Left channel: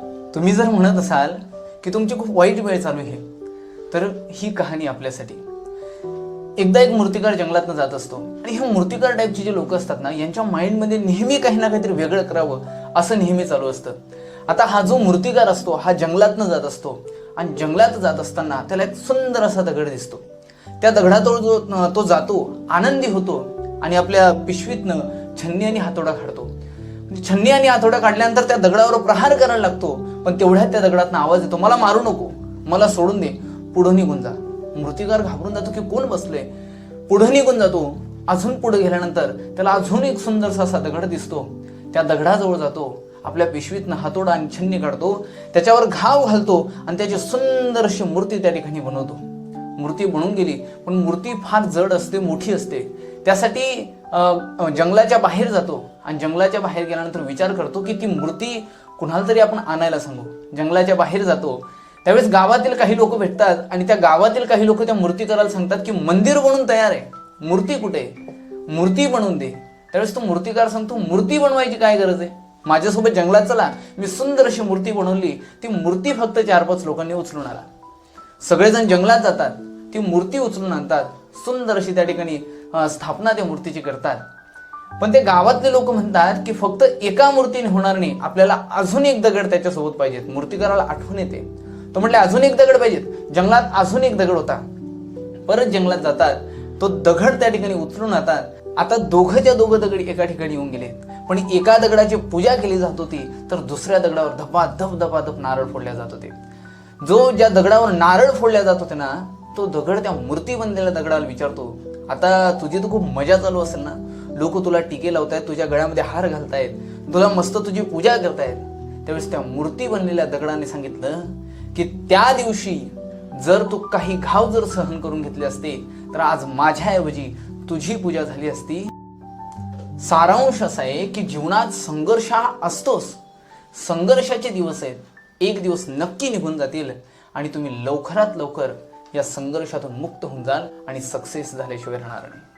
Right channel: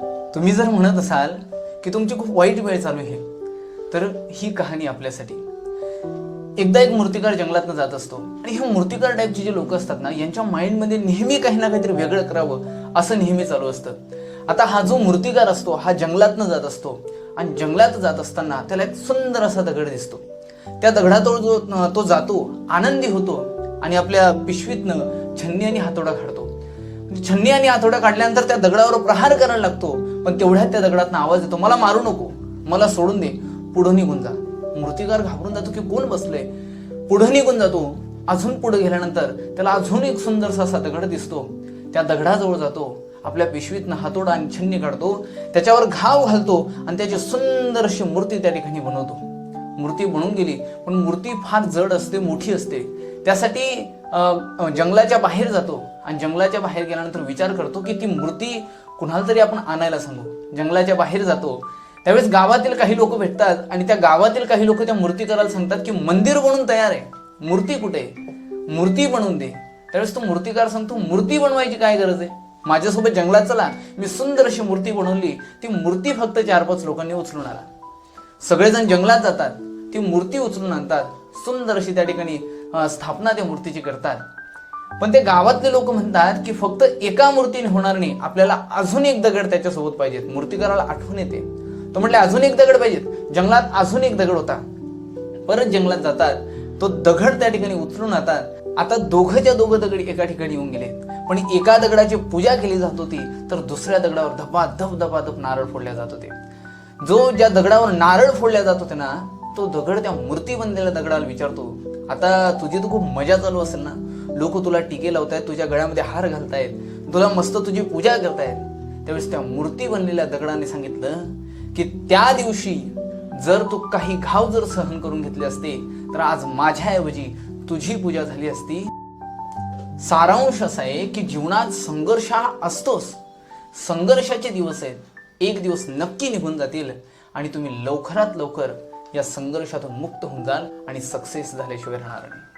तुम्ही जर म्हणत असाल की तुमची खूप वाईट वेळ चालू आहे तर ही कहाणी आपल्यासाठी. एकदा एक मूर्तिकार जंगलातनं जात असतो आणि हे मूर्तिकार टाईपचे जे लोक असतात ना यांच्या माइंडमध्ये नेहमी काही ना काहीतरी वेगळं करावं असं नेहमी चालू असतं. आता हा जो मूर्तिकार असतो हा जंगलातनं जात असतो आणि जंगलात जात असताना त्याला एक सुंदर असा दगड दिसतो. त्या दगडाजवळ जो तो जातो आनंदी होतो आणि आपल्या पिशवीतनं छन्नी आणि हातोडा काढतो. छन्नी आणि हातोडा काढल्यानंतर त्या दगडावर प्रहार करायला लागतो. पण तेवढ्यात त्या दगडातनं आवाज येतो. मला मारू नको. मला सोडून दे. पुढे निघून जा. मूर्तिकार घाबरून जातो की कोण बसलंय? पुढे निघून जातो. अजून पुढे गेल्यानंतर त्याला अजून एक सुंदरसा असा दगड दिसतो. त्या दगडाजवळ जातो. आपल्या पिशवीतनं हातोडा आणि छन्नी काढतो. त्याच्यावर घाव घालतो आणि त्याची सुंदर अशी मूर्ती त्या ठिकाणी बनवतो. मूर्ती बनून गेली पण मूर्ती फार जड असते मोठी असते. त्यासाठी जंगलाच्या बाहेर जातो आणि जंगलाच्या बाहेर गेल्यानंतर विचार करतो की ती मूर्ती कुणाला तरी आपण आणायला सांगू. जंगलाच्या बाहेर जातो. त्यावेळेस गावातील काही लोक भेटतात आणि त्या गावातील काही लोक त्या मूर्ती करायला सांगतात की मंदिर बनून तयार आहे. मूर्ती कुठे आहे? मूर्ती बनवून दे. त्यावेळेस तो मूर्तिकार सांगतो मूर्ती बनवायची काय गरज आहे? माझ्यासोबत जंगलात चला. मी सुंदर अशी मूर्ती बनवली. ती मूर्ती फक्त चार पाच लोकांनी उचलून आला सगळेजण जंगलात जातात. ती मूर्ती उचलून आणतात. सुंदर अशी त्या ठिकाणी स्थापना त्या मूर्तीची करतात. पण ते गावातले लोक म्हणतात की फक्त एका मूर्तीने होणार नाही आपल्याला अजून एक दगड त्याच्यासोबत पाहिजेत. मूर्तीकाराला आठवण येते. तो म्हटले अजून एक दगड पाहिजेत. जंगलात अजून एक दगड होता. परत जंगलात जातात. तो दगड त्या ठिकाणी उचलून आणतात. आता दोघंच्या दोघं दगड एका ठिकाणी येऊन गेले पण एका दगडाची पूजा केली जात होती तर दुसऱ्या दगडावर धपाधप धपाधप नारळ फोडल्या जात होते. जो ज्या दगडावर नारळ फोडल्या जात होते ना तो दगड त्या मूर्ती बनलेल्या दगडाला विचारतो आता तुझी तर खूप मजा चालू असेल ना? लोक तुला टिके लावतायत तुझ्या गळ्यामध्ये हार घालतायत तुला मस्त तुझी पूजा करतायत. त्यावेळेस त्या मूर्ती बनलेल्या दगडाने सांगितलं की त्या दिवशी जर तू काही घाव जर सहन करून घेतले असते तर आज माझ्याऐवजी तुझी पूजा झाली असती. सारांश असा आहे की जीवनात संघर्ष हा असतोच. संघर्षाचे दिवस आहेत. एक दिवस नक्की निघून जातील आणि तुम्ही लवकरात लवकर या संघर्षातून मुक्त होऊन जाल आणि सक्सेस झाल्याशिवाय राहणार नाही.